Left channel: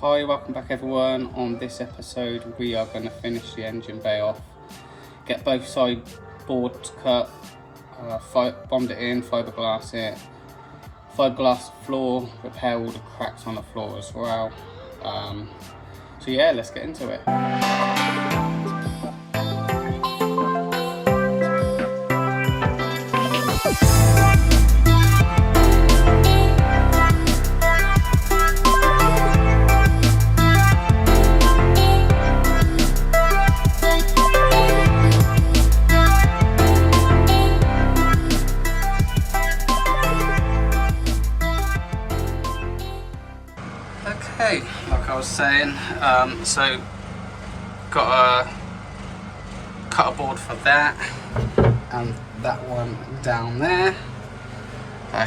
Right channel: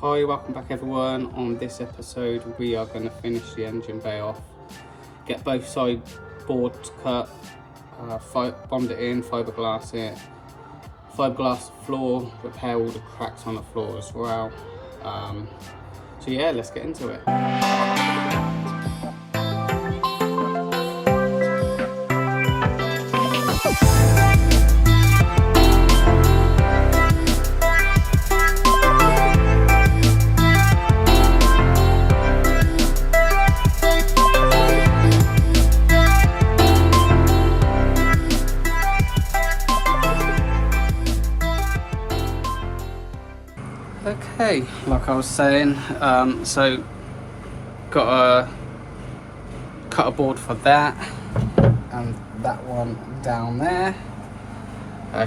Hi, welcome back everyone. On this episode we are going to finish the engine bay off, get both side boards cut, bond it in, fiberglass it, fiberglass floor, repair all the cracks on the floor as well. So yeah, let's get into it. Okay, like I was saying, so got a cut a board for that and that one down there.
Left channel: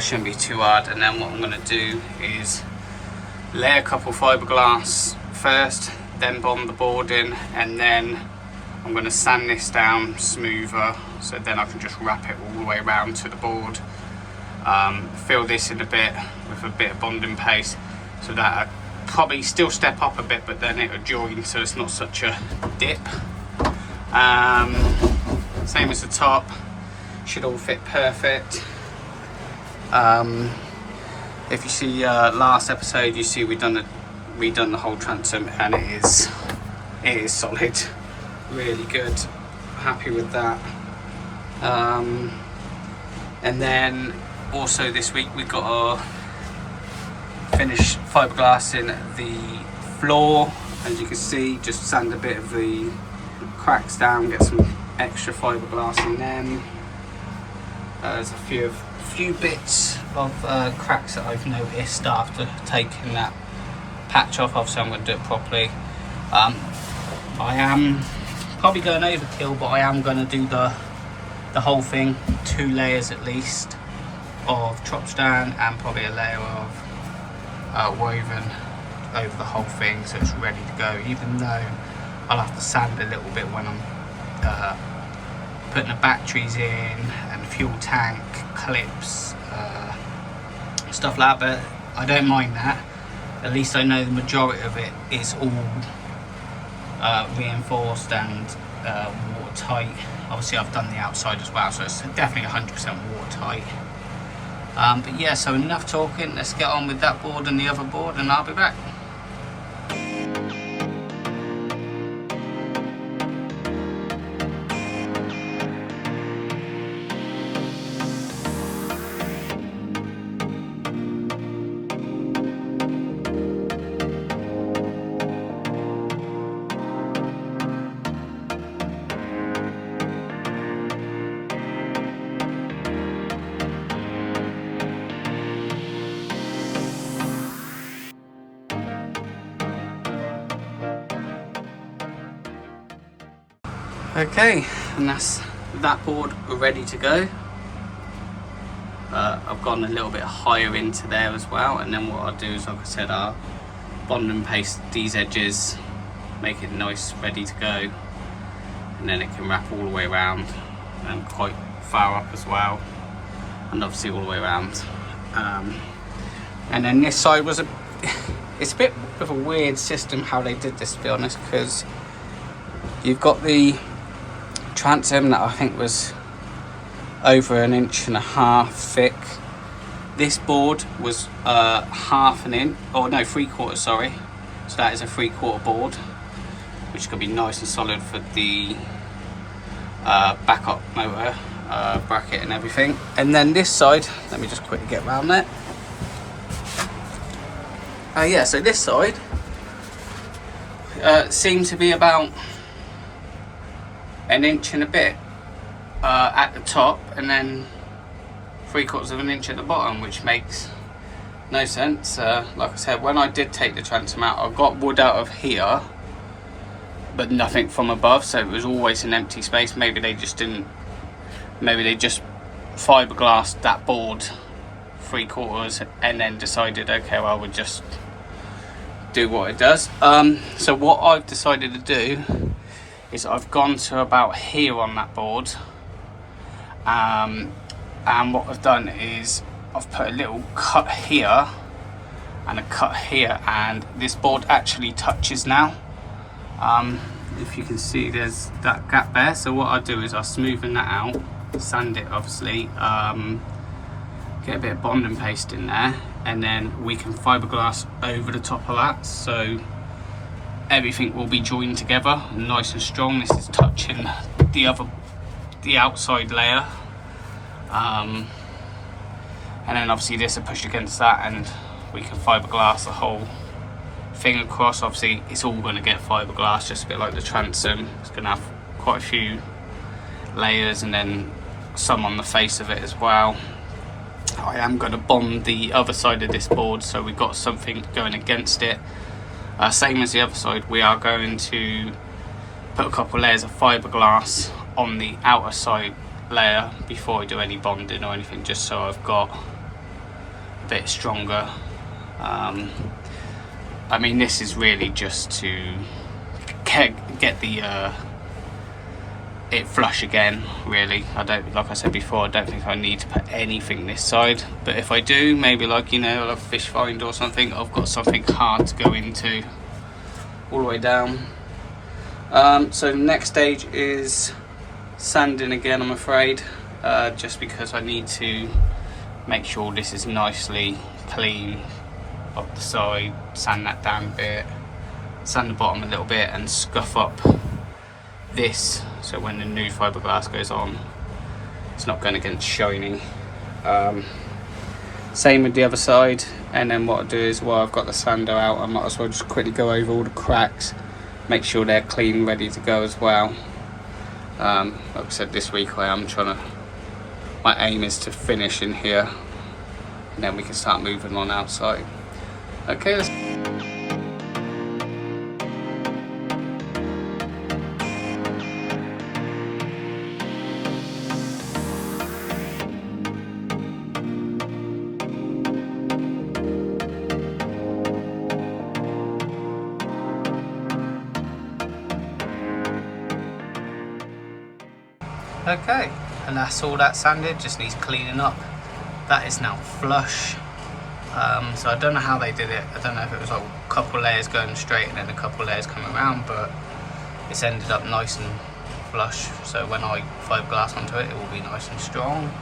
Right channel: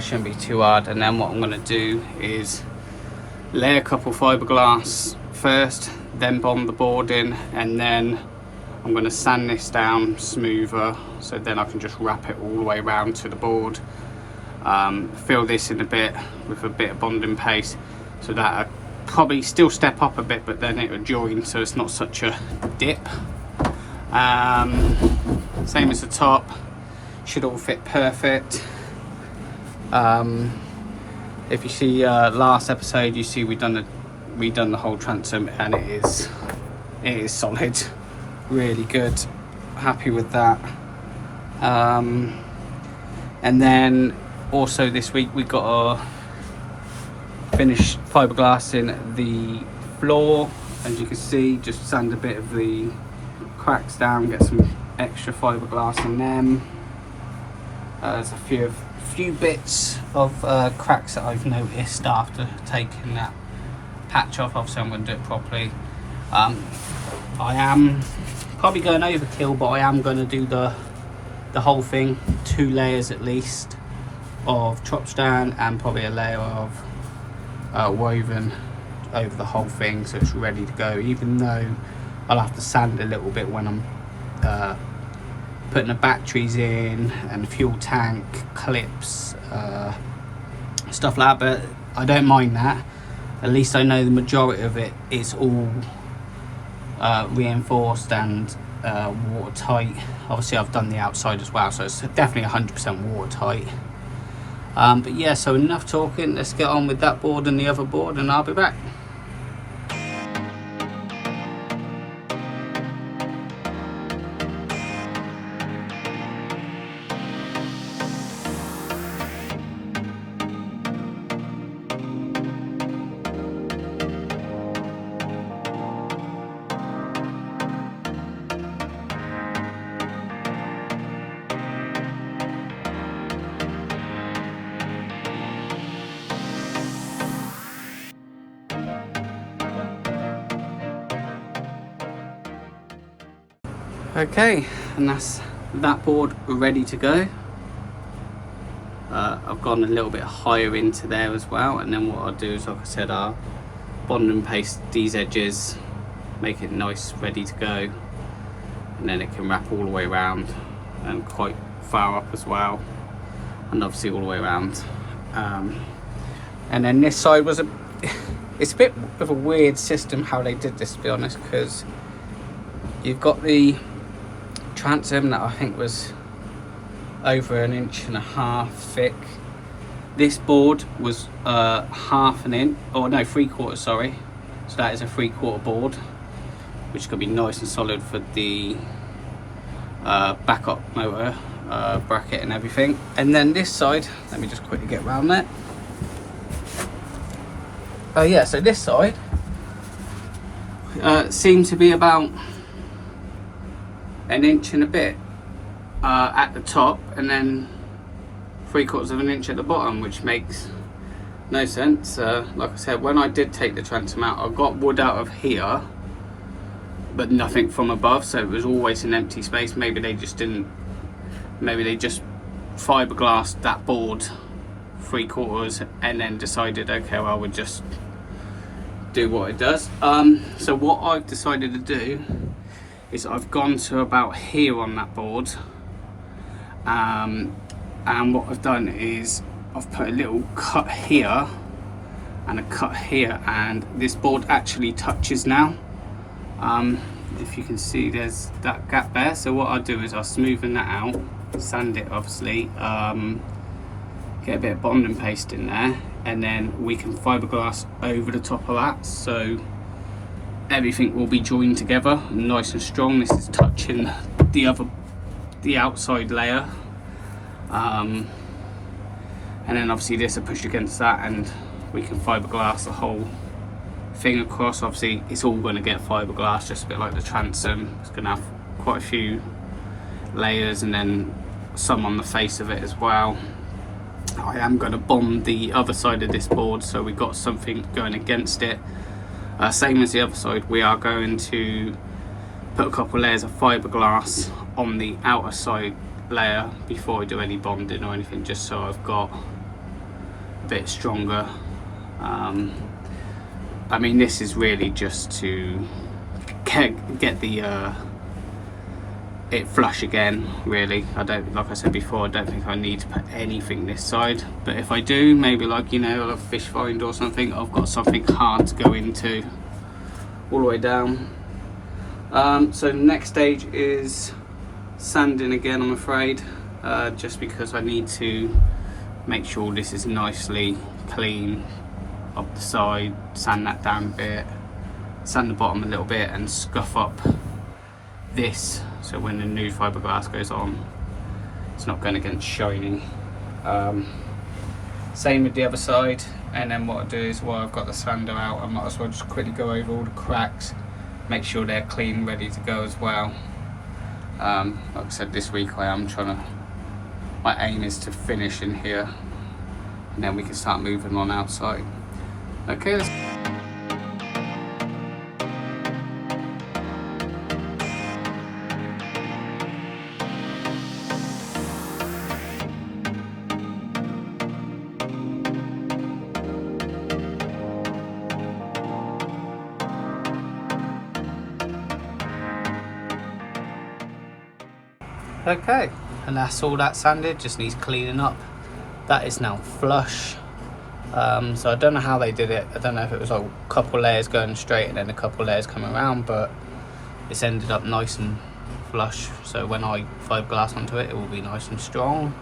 Shouldn't be too hard. And then what I'm going to do is lay a couple fiberglass first, then bond the board in, and then I'm going to sand this down smoother so then I can just wrap it all the way around to the board. Fill this in a bit with a bit of bonding paste so that I probably still step up a bit, but then it will join so it's not such a dip. Same as the top, should all fit perfect. If you see last episode, you see we've done the whole transom, and it is solid, really good, happy with that. And then also this week we got to finish fiberglassing the floor. As you can see, just sand a bit of the cracks down, get some extra fiberglass in them. There's a few bits of cracks that I've noticed after taking that patch off. Obviously I'm going to do it properly. I am probably going overkill, but I am going to do the whole thing, 2 layers at least of trop stand and probably a layer of woven over the whole thing so it's ready to go, even though I'll have to sand a little bit when I'm putting the batteries in and the fuel tank clips, stuff like that, but I don't mind that. At least I know the majority of it is all reinforced and watertight. Obviously I've done the outside as well, so it's definitely 100% watertight. But yeah, so enough talking, let's get on with that board and the other board and I'll be back. Okay, and that's that board ready to go. I've gone a little bit higher into there as well, and then what I'll do is, like I said, I'll bond and paste these edges, make it nice, ready to go, and then it can wrap all the way around and quite far up as well, and obviously all the way around. And then this side was it's a bit of a weird system how they did this, to be honest, because you've got the transom that I think was over 1.5 inches thick. This board was half an inch, or no, 3/4, sorry. So that is a 3/4 board, which could be nice and solid for the backup motor bracket and everything. And then this side, let me just quickly get around that. Yeah, so this side seemed to be about 1 inch and a bit at the top, and then 3/4 inch at the bottom, which makes no sense. Like I said, when I did take the transom out, I got wood out of here but nothing from above, so it was always an empty space. Maybe they just fiberglassed that board 3/4 and then decided, okay, well, we'll just do what it does. So what I've decided to do is I've gone to about here on that board, and what I've done is I've put a little cut here and a cut here, and this board actually touches now. If you can see, there's that gap there. So what I'll do is I'll smoothen that out, sand it obviously, get a bit of bonding paste in there, and then we can fiberglass over the top of that, so everything will be joined together nice and strong. This is touching the outside layer, and then obviously this will push against that, and we can fiberglass the whole thing across. Obviously it's all going to get fiberglass, just a bit like the transom. It's going to have quite a few layers, and then some on the face of it as well. I am going to bond the other side of this board, so we've got something going against it. Same as the other side, we are going to put a couple layers of fiberglass on the outer side layer before I do any bonding or anything, just so I've got a bit stronger. I mean, this is really just to get the it flush again, really. I don't, like I said before, I don't think I need to put anything this side, but if I do, maybe like, you know, a fish find or something, I've got something hard to go into all the way down. So the next stage is sanding again, I'm afraid, just because I need to make sure this is nicely clean up the side, sand that down a bit, sand the bottom a little bit, and scuff up this, so when the new fiberglass goes on, it's not going to get shiny. Same with the other side, and then what I do is, while I've got the sander out, I might as well just quickly go over all the cracks, make sure they're clean, ready to go as well. Like I said, this week I am trying to, my aim is to finish in here, and then we can start moving on outside. Okay, let's... Okay, and that's all that sanded, just needs cleaning up. That is now flush. So I don't know how they did it. I don't know if it was like a couple layers going straight and then a couple layers coming around, but it's ended up nice and flush. So when I fiberglass onto it, it will be nice and strong.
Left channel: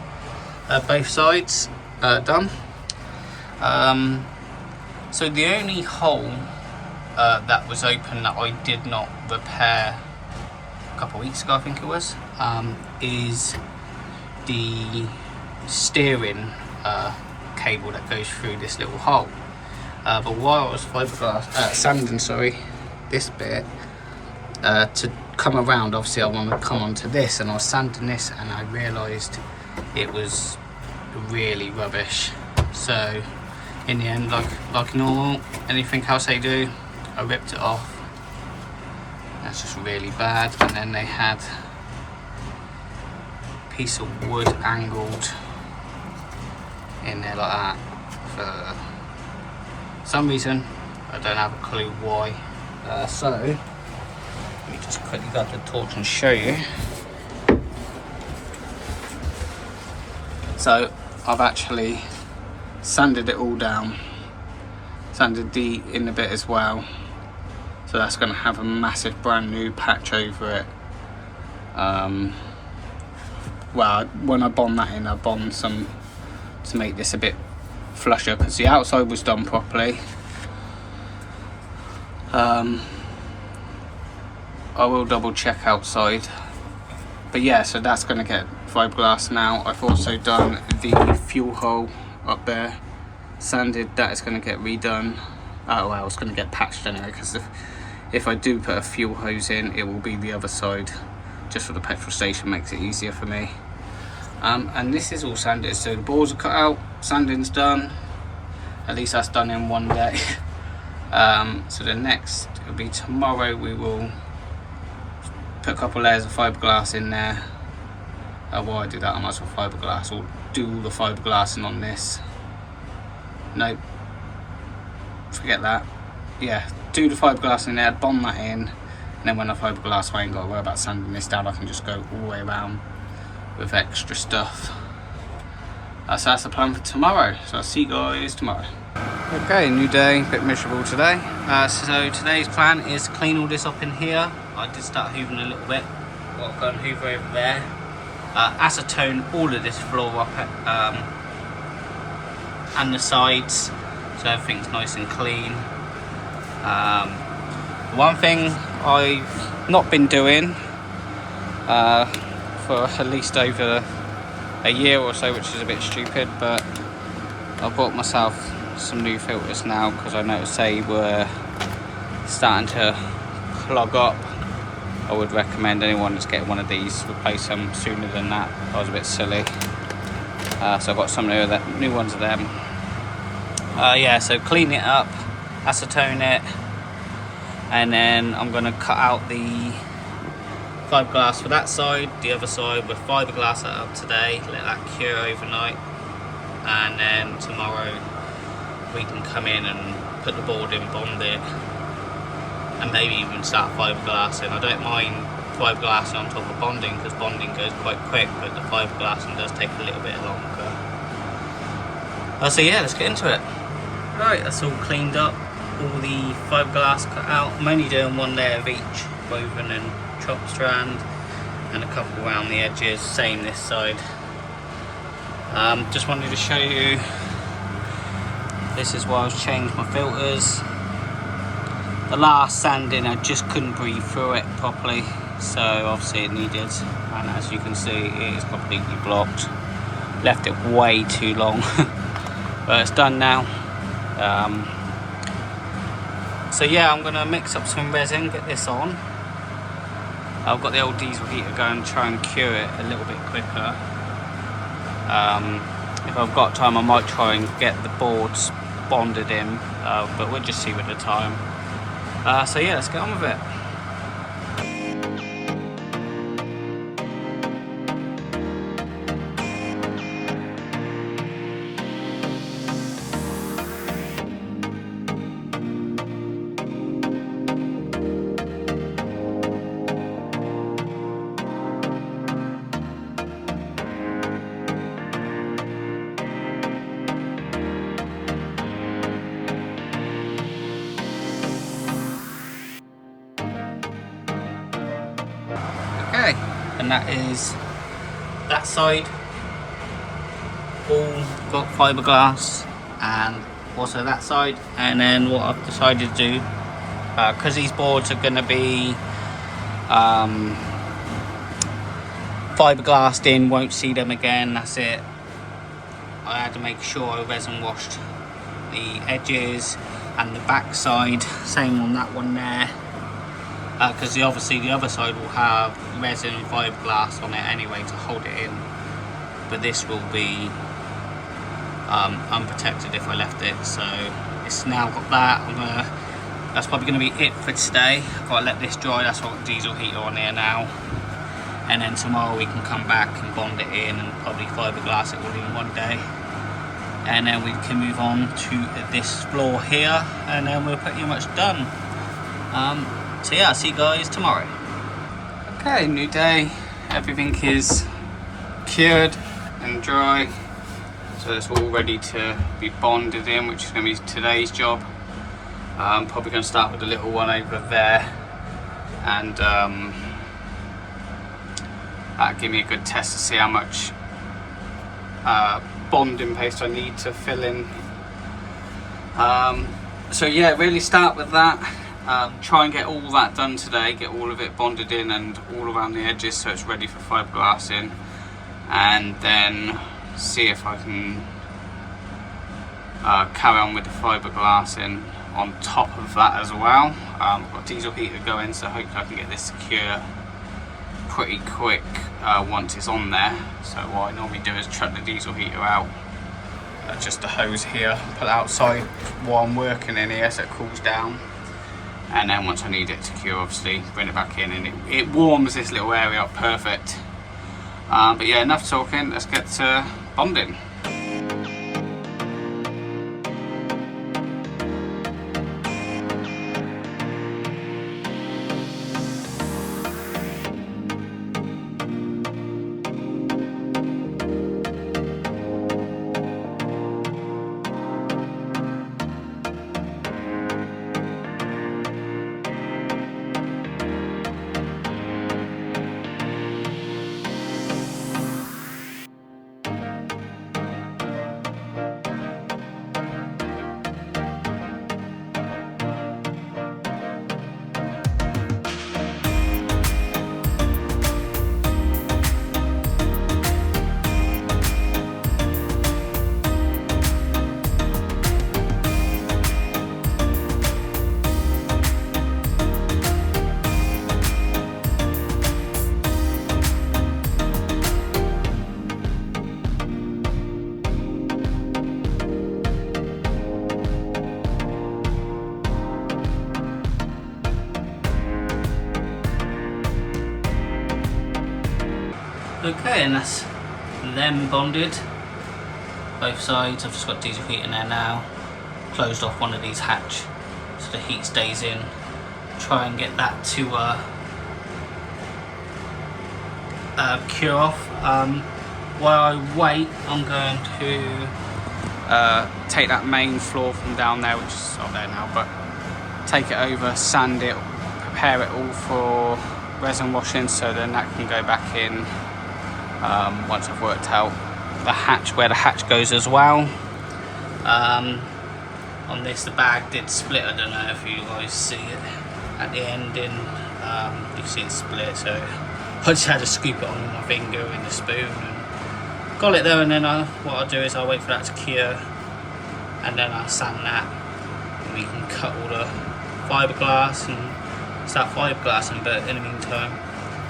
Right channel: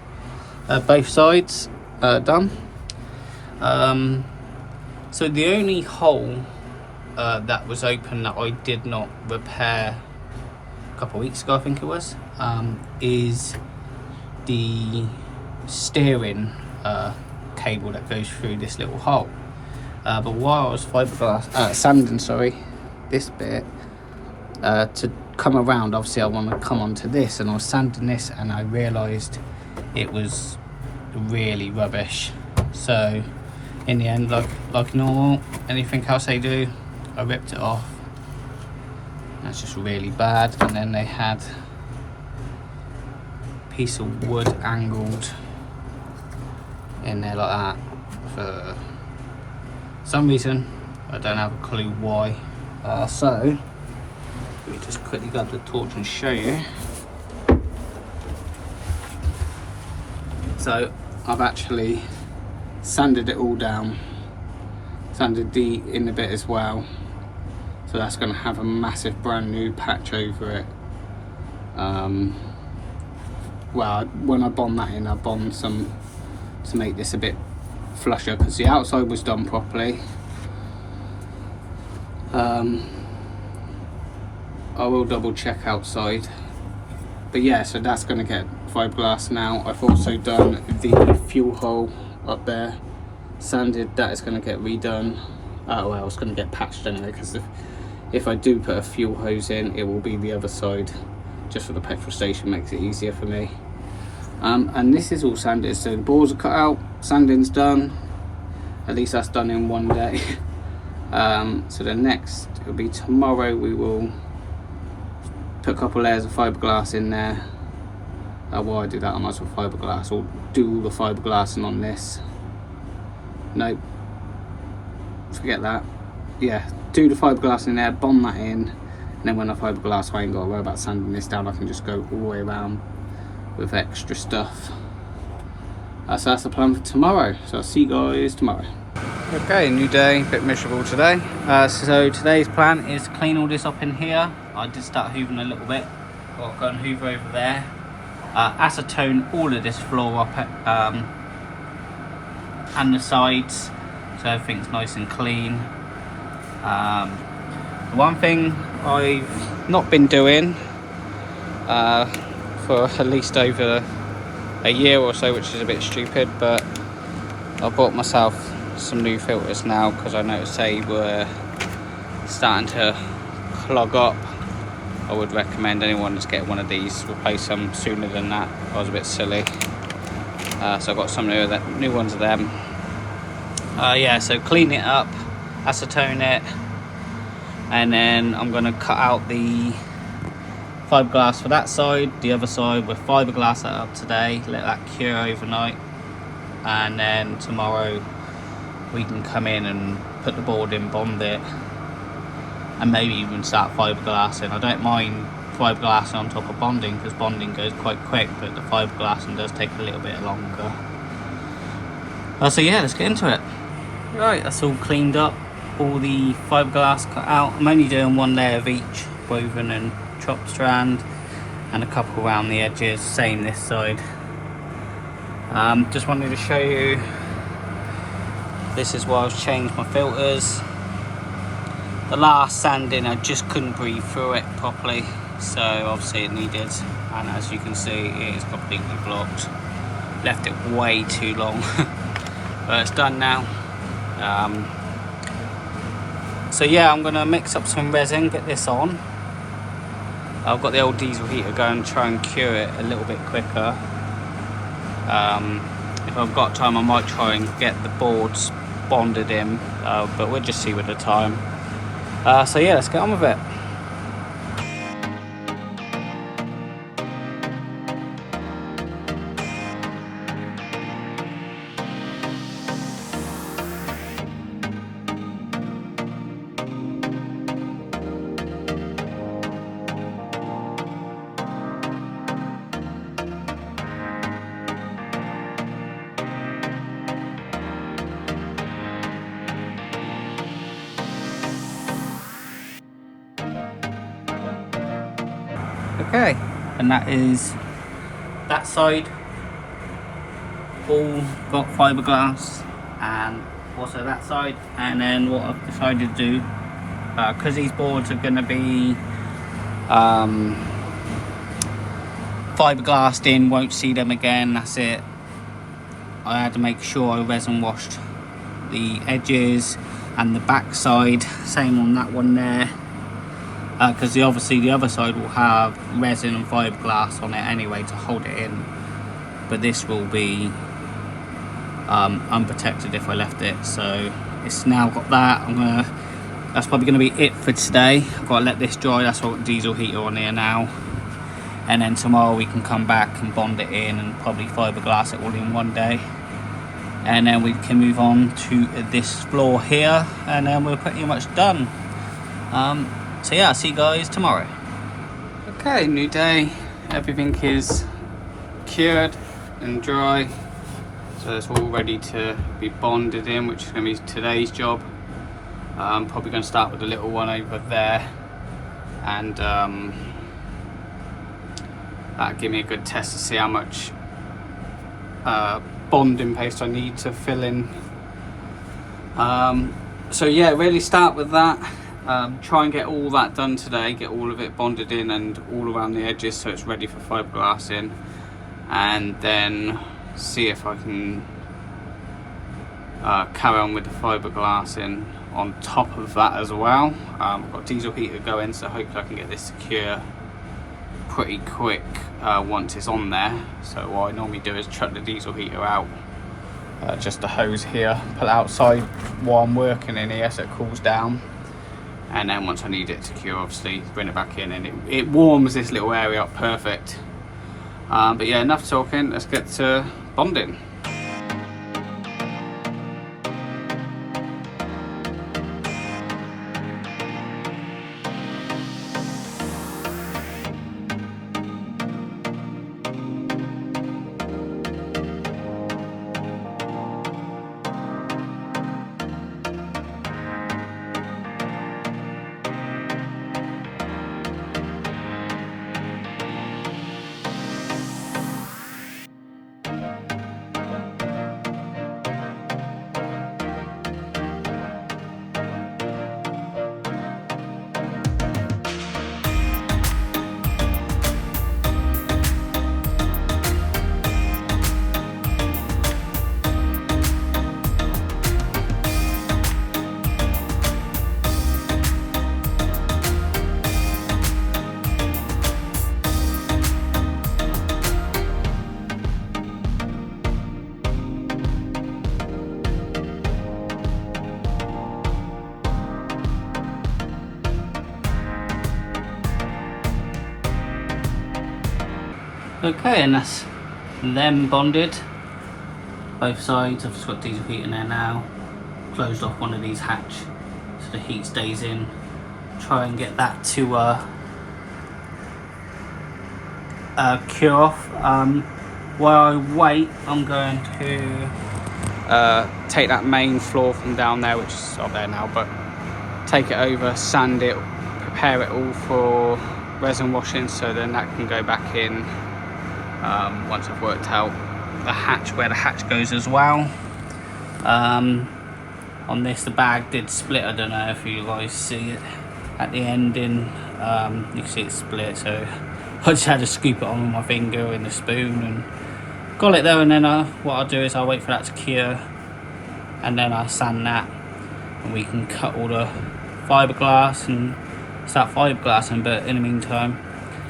Both sides done. So the only hole that was open that I did not repair a couple of weeks ago, I think it was, is the steering cable that goes through this little hole. But while I was sanding this bit, to come around, obviously I want to come onto this, and I was sanding this and I realised it was really rubbish. So in the end, like normal, anything else they do, I ripped it off. That's just really bad. And then they had a piece of wood angled in there like that for some reason. I don't have a clue why. So let me just quickly grab the torch and show you. So I've actually sanded it all down, sanded the inner bit as well, so that's going to have a massive brand new patch over it. Well, when I bond that in, I bond some to make this a bit flusher, because the outside was done properly. I will double check outside, but yeah, so that's going to get fiberglass now. I've also done the fuel hole up there, sanded. That is going to get redone. Well, it's going to get patched anyway, because if I do put a fuel hose in, it will be the other side, just for the petrol station, makes it easier for me. And this is all sanded, so the boards are cut out, sanding's done. At least that's done in one day. So the next, it'll be tomorrow, we will put a couple layers of fiberglass in there. While I do that, I might as well fiberglass, or do all the fiberglassing on this. Nope, forget that. Yeah, do the fiberglass in there, bond that in, and then when I fiberglass, I ain't got to worry about sanding this down. I can just go all the way around with extra stuff. So that's the plan for tomorrow. So I'll see you guys tomorrow. Okay, new day, bit miserable today. So today's plan is to clean all this up in here. I did start hoovering a little bit. Got to go and hoover over there. Acetone all of this floor up and the sides, so everything's nice and clean. The one thing I've not been doing for at least over a year or so, which is a bit stupid, but I bought myself some new filters now because I noticed they were starting to clog up. I would recommend anyone just get one of these, replace them sooner than that. I was a bit silly. So I got some new ones of them. Yeah, so clean it up, acetone it, and then I'm going to cut out the fiberglass for that side. The other side with fiberglass that up today, let that cure overnight, and then tomorrow we can come in and put the board in, bond it, and maybe even start fiberglassing. I don't mind fiberglassing on top of bonding because bonding goes quite quick, but the fiberglassing does take a little bit longer. So yeah, let's get into it. Right, that's all cleaned up, all the fiberglass cut out. I'm only doing one layer of each, woven and chopped strand, and a couple around the edges, same this side. Just wanted to show you, this is why I've changed my filters. The last sanding I just couldn't breathe through it properly, so obviously it needed, and as you can see it is completely blocked. Left it way too long but it's done now. So yeah, I'm gonna mix up some resin, get this on. I've got the old diesel heater going, try and cure it a little bit quicker. If I've got time I might try and get the boards bonded in, but we'll just see with the time. So yeah, let's get on with it. Okay, and that is that side all got fiberglass, and also that side. And then what I've decided to do, because these boards are going to be fiberglassed in, won't see them again, that's it. I had to make sure I resin washed the edges and the back side, same on that one there. Because obviously the other side will have resin and fiberglass on it anyway to hold it in, but this will be unprotected if I left it. So it's now got that. That's probably going to be it for today. I've got to let this dry. That's what diesel heater on here now, and then tomorrow we can come back and bond it in and probably fiberglass it all in one day, and then we can move on to this floor here, and then we're pretty much done. So yeah, I'll see you guys tomorrow. Okay, new day. Everything is cured and dry, so it's all ready to be bonded in, which is going to be today's job. I'm probably going to start with the little one over there, and that'll give me a good test to see how much bonding paste I need to fill in. So yeah, really start with that. Try and get all that done today, get all of it bonded in and all around the edges so it's ready for fiberglassing, and then see if I can carry on with the fiberglassing on top of that as well. I've got diesel heater going, so hopefully I can get this secure pretty quick once it's on there. So what I normally do is chuck the diesel heater out, just the hose here, put it outside while I'm working in here so it cools down, and then once I need it to cure, obviously bring it back in, and it warms this little area up perfect. But yeah, enough talking, let's get to bonding. Okay, and that's them bonded. Both sides. I've just got diesel heat in there now. Closed off one of these hatch so the heat stays in. Try and get that to cure off. While I wait, I'm going to take that main floor from down there, which is up there now, but take it over, sand it, prepare it all for resin washing, so then that can go back in once I've worked out the hatch, where the hatch goes as well. On this, the bag did split. I don't know if you guys see it at the ending. You can see it split, so I just had to scoop it on with my finger and a spoon and got it there. And then what I'll do is I'll wait for that to cure, and then I'll sand that, and we can cut all the fiberglass and start fiberglassing. But in the meantime,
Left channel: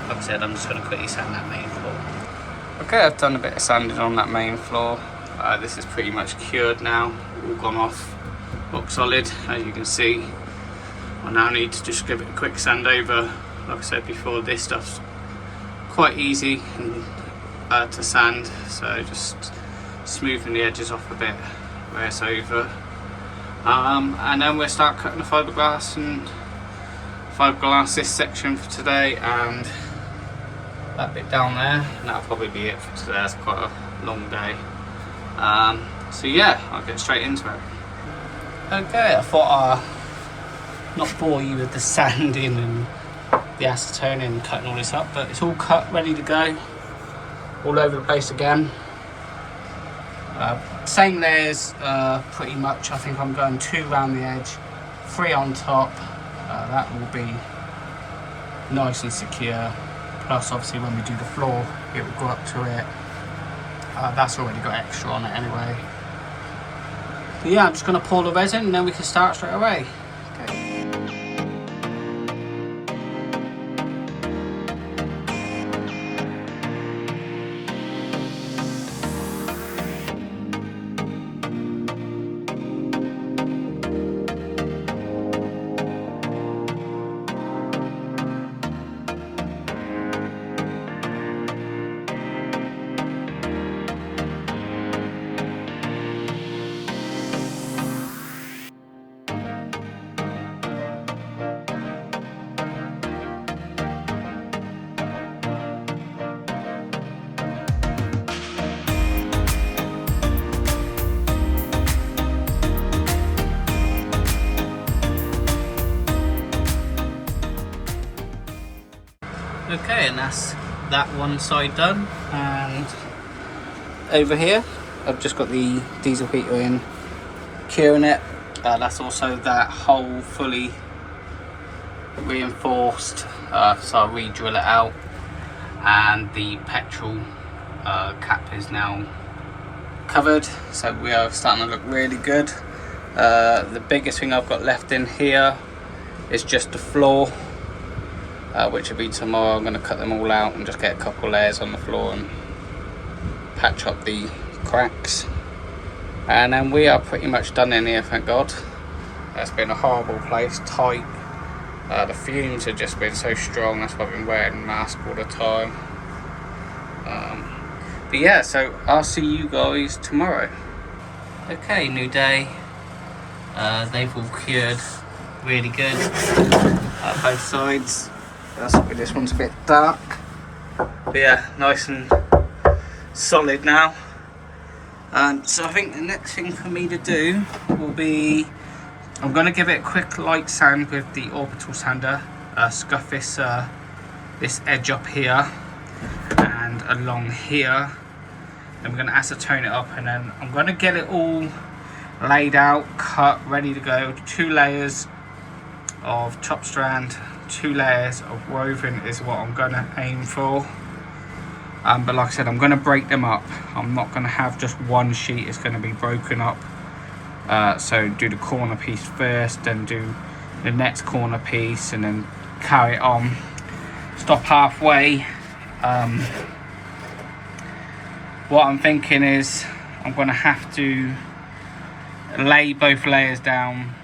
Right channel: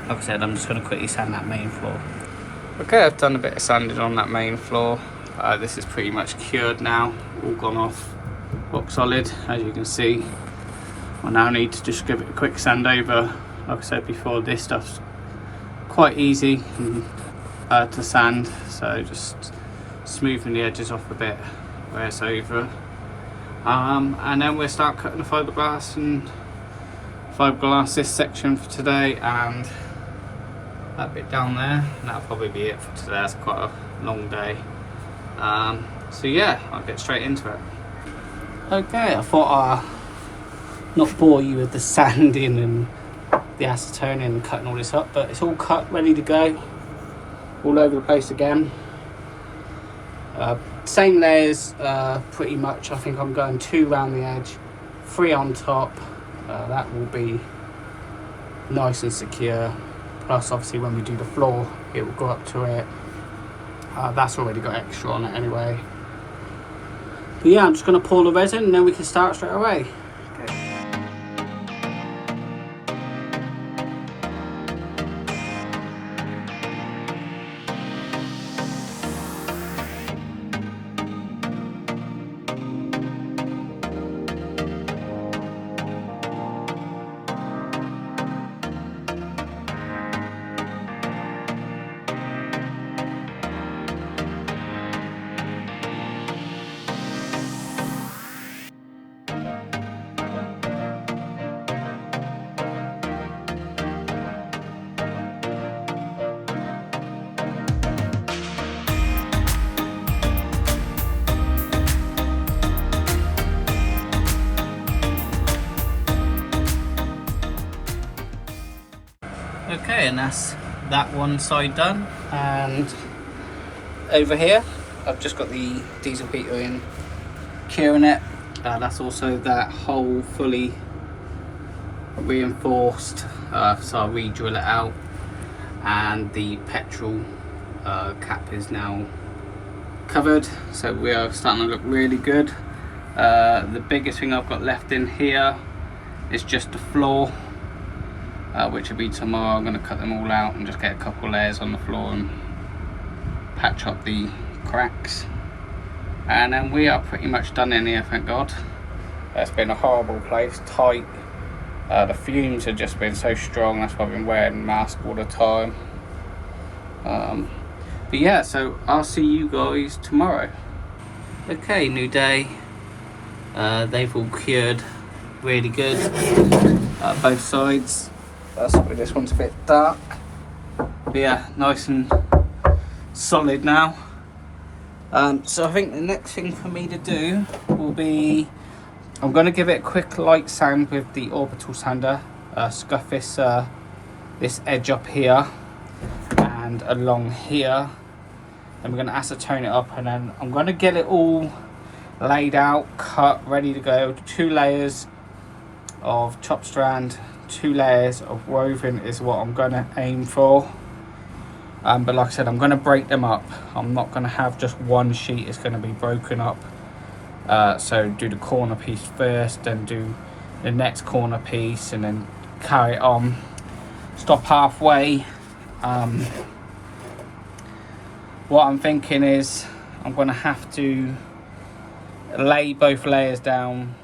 like I said, I'm just going to quickly sand that main floor. Okay, I've done a bit of sanding on that main floor. This is pretty much cured now, all gone off, rock solid, as you can see. I now need to just give it a quick sand over. Like I said before, this stuff's quite easy to sand, so just smoothing the edges off a bit where it's over. And then we'll start cutting the fiberglass and fiberglass this section for today, and that bit down there, and that'll probably be it for today. That's quite a long day. So yeah, I'll get straight into it. Okay, I thought I'd not bore you with the sanding and the acetone and cutting all this up, but it's all cut, ready to go, all over the place again. Same layers, pretty much. I think I'm going 2 around the edge, 3 on top. That will be nice and secure. Plus, obviously, when we do the floor, it will go up to it. That's already got extra on it anyway. But yeah, I'm just going to pour the resin and then we can start straight away. Okay. Okay, and that's that one side done, and over here I've just got the diesel heater in, curing it. That's also that hole fully reinforced, so I'll re-drill it out, and the petrol cap is now covered, so we are starting to look really good. The biggest thing I've got left in here is just the floor, which will be tomorrow. I'm going to cut them all out and just get a couple layers on the floor and patch up the cracks, and then we are pretty much done in here, thank God. It's been a horrible place, tight. The fumes have just been so strong, that's why I've been wearing a mask all the time. But yeah, so I'll see you guys tomorrow. Okay, new day. They've all cured really good, both sides. This one's a bit dark, but yeah, nice and solid now. So I think the next thing for me to do will be, I'm going to give it a quick light sand with the orbital sander, scuff this edge up here and along here. Then we're going to acetone it up, and then I'm going to get it all laid out, cut, ready to go. 2 layers of chop strand, 2 layers of woven is what I'm going to aim for. But like I said, I'm going to break them up. I'm not going to have just one sheet, it's going to be broken up. So do the corner piece first, then do the next corner piece, and then carry it on. Stop halfway. What I'm thinking is I'm going to have to lay both layers down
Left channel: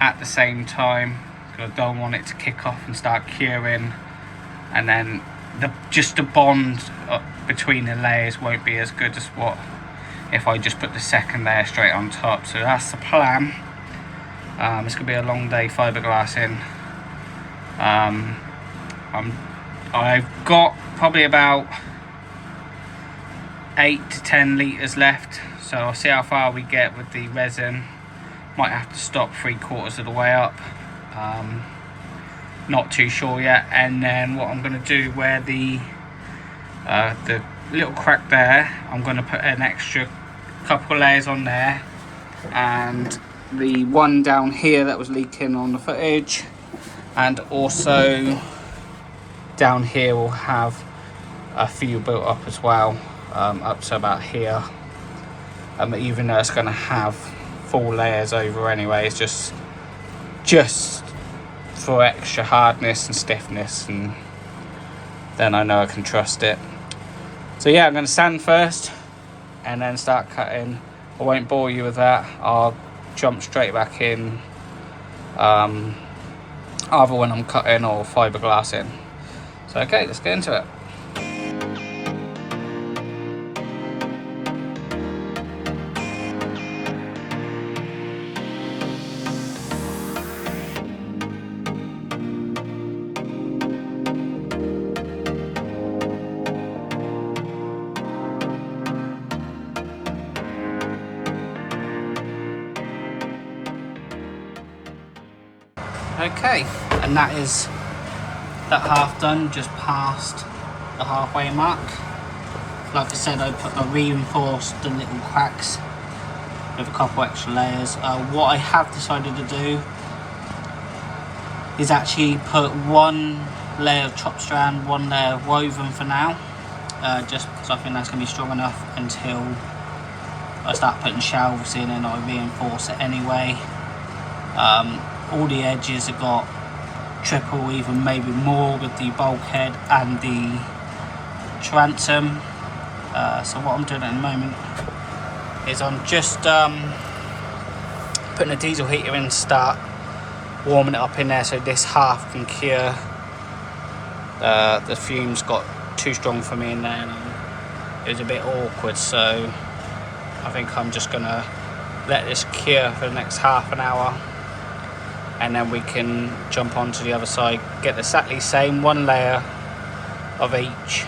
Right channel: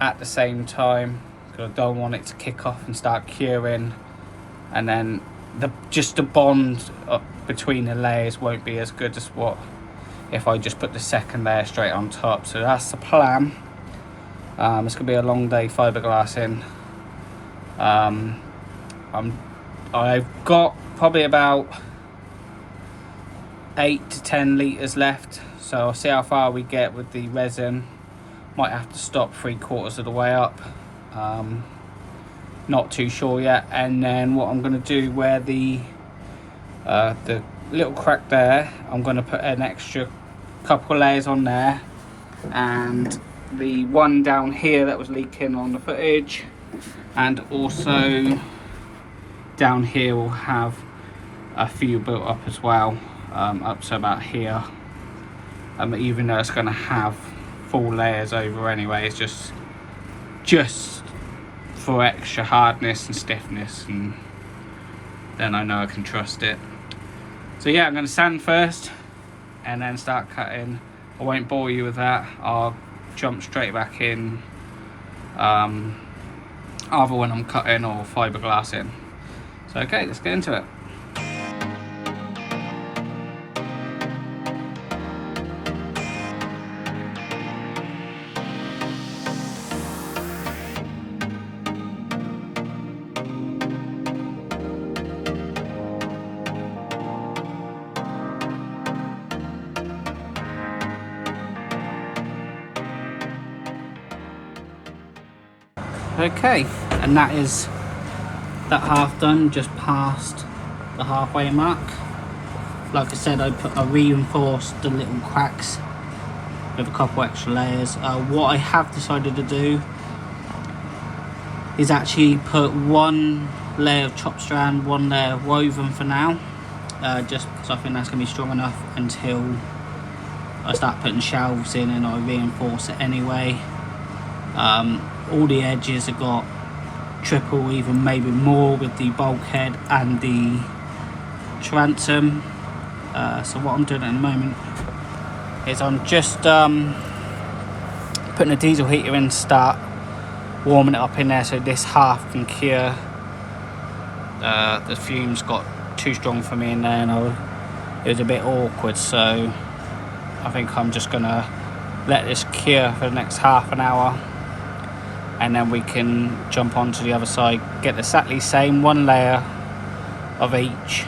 at the same time, because I don't want it to kick off and start curing, and then just the bond between the layers won't be as good as what if I just put the second layer straight on top. So that's the plan. It's gonna be a long day fiberglassing. I've got probably about 8 to 10 litres left, so I'll see how far we get with the resin. Might have to stop 3/4 of the way up. Not too sure yet. And then what I'm going to do, where the little crack there, I'm going to put an extra couple layers on there, and the one down here that was leaking on the footage, and also down here will have a few built up as well, up to about here. Even though it's going to have 4 layers over anyway, it's just for extra hardness and stiffness, and then I know I can trust it. So yeah, I'm going to sand first and then start cutting. I won't bore you with that. I'll jump straight back in either when I'm cutting or fiberglassing. So okay, let's get into it. Okay, and that is that half done, just past the halfway mark. Like I said, I reinforced the little cracks with a couple extra layers. What I have decided to do is actually put 1 layer of chopped strand, 1 layer of woven for now, just because I think that's going to be strong enough until I start putting shelves in and I reinforce it anyway. All the edges have got triple, even maybe more, with the bulkhead and the transom. So what I'm doing at the moment is I'm just putting a diesel heater in to start, warming it up in there so this half can cure. The fumes got too strong for me in there and it was a bit awkward, so I think I'm just gonna let this cure for the next half an hour, and then we can jump onto the other side, get exactly same 1 layer of each,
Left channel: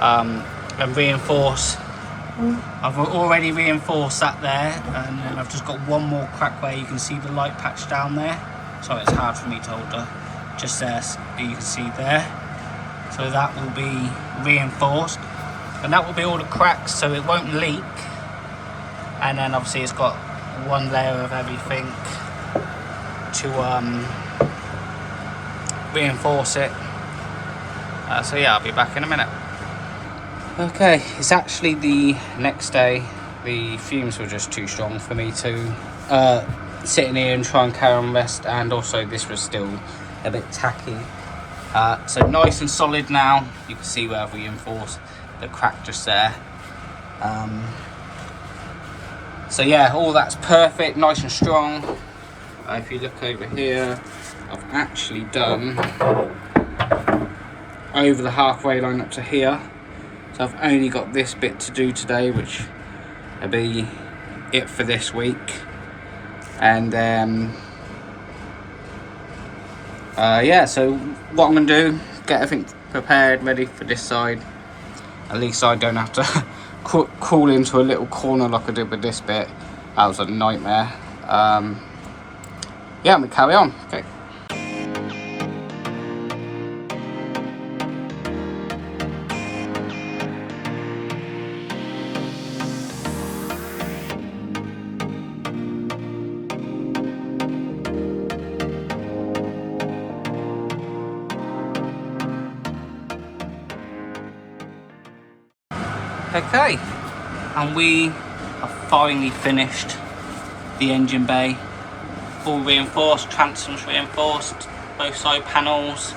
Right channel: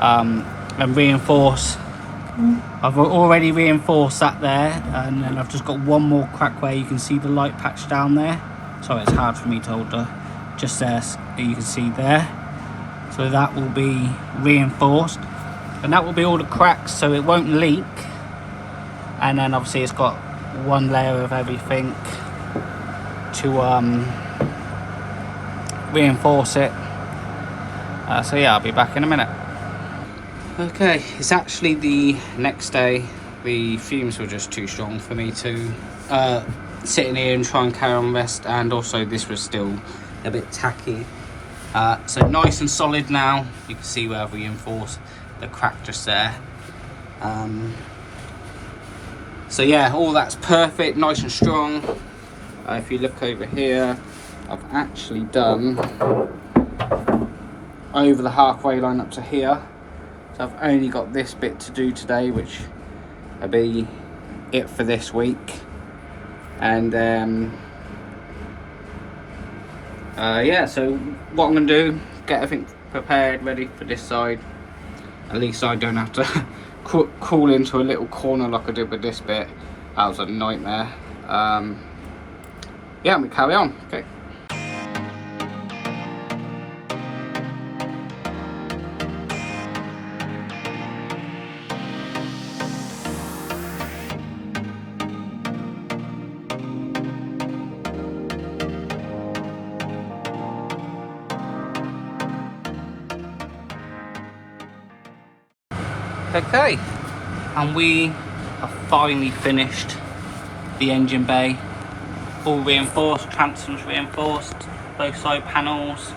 and reinforce. I've already reinforced that there, and then I've just got 1 more crack where you can see the light patch down there. Sorry, it's hard for me to hold just there, you can see there. So that will be reinforced, and that will be all the cracks, so it won't leak. And then obviously it's got 1 layer of everything to reinforce it. So yeah, I'll be back in a minute. Okay, it's actually the next day. The fumes were just too strong for me to sit in here and try and carry on rest, and also this was still a bit tacky. So nice and solid now. You can see where I've reinforced the crack just there. So yeah, all that's perfect, nice and strong. If you look over here, I've actually done over the halfway line up to here. So I've only got this bit to do today, which will be it for this week. And yeah, so what I'm going to do, get everything prepared, ready for this side. At least I don't have to crawl into a little corner like I did with this bit. That was a nightmare. Yeah, we carry on. Okay. Okay, and we have finally finished the engine bay. All reinforced, transoms reinforced, both side panels.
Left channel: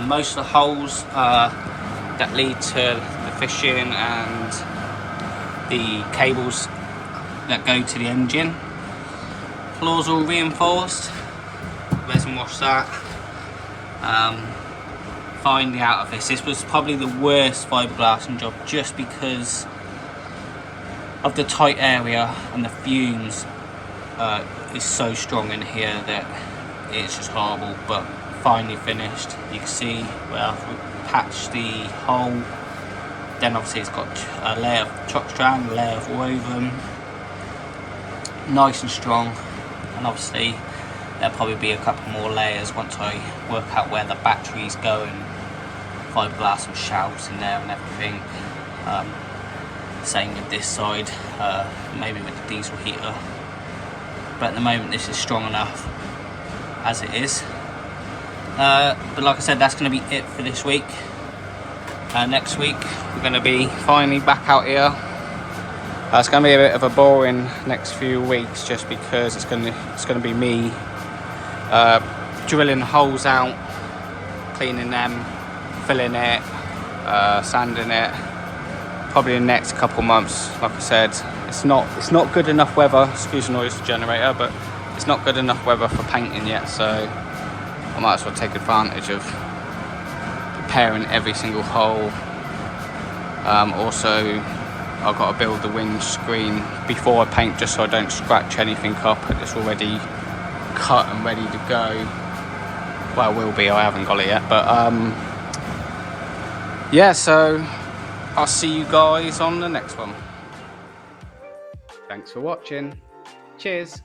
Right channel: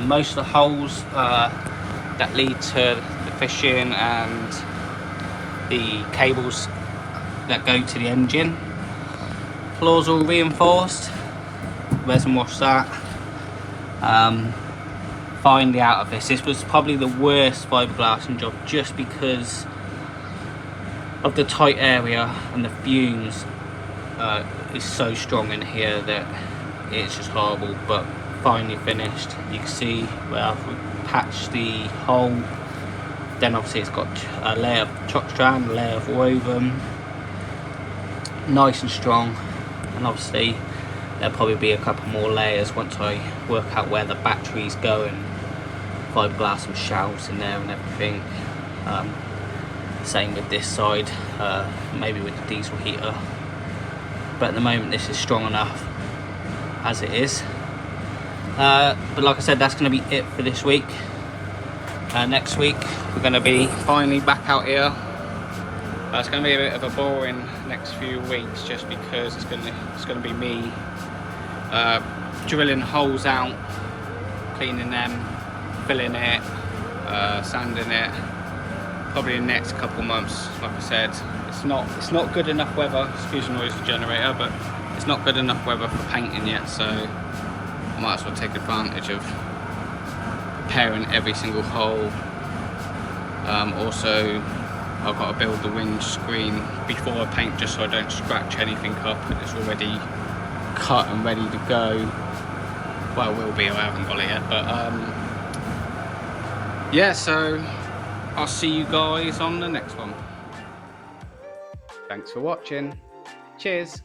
Most of the holes that lead to the fishing and the cables that go to the engine. Floors all reinforced, resin wash that. finally out of this. This was probably the worst fiberglassing job, just because of the tight area and the fumes is so strong in here that it's just horrible. But finally finished. You can see where I've patched the hole. Then obviously it's got a layer of chalk strand, a layer of woven, nice and strong. And obviously there'll probably be a couple more layers once I work out where the batteries go, and fiberglass and shelves in there and everything. Same with this side, maybe with the diesel heater. But at the moment this is strong enough as it is. But like I said, that's going to be it for this week. Next week we're going to be finally back out here. It's going to be a bit of a boring next few weeks, just because it's going to be me drilling holes out, cleaning them, filling it, sanding it. Probably in the next couple months. Like I said, it's not good enough weather. Excuse the noise of the generator, but it's not good enough weather for painting yet. So I might as well take advantage of preparing every single hole. Also, I've got to build the windscreen before I paint, just so I don't scratch anything up. It's already cut and ready to go. Well, will be. I haven't got it yet, but yeah. So I'll see you guys on the next one. Thanks for watching. Cheers.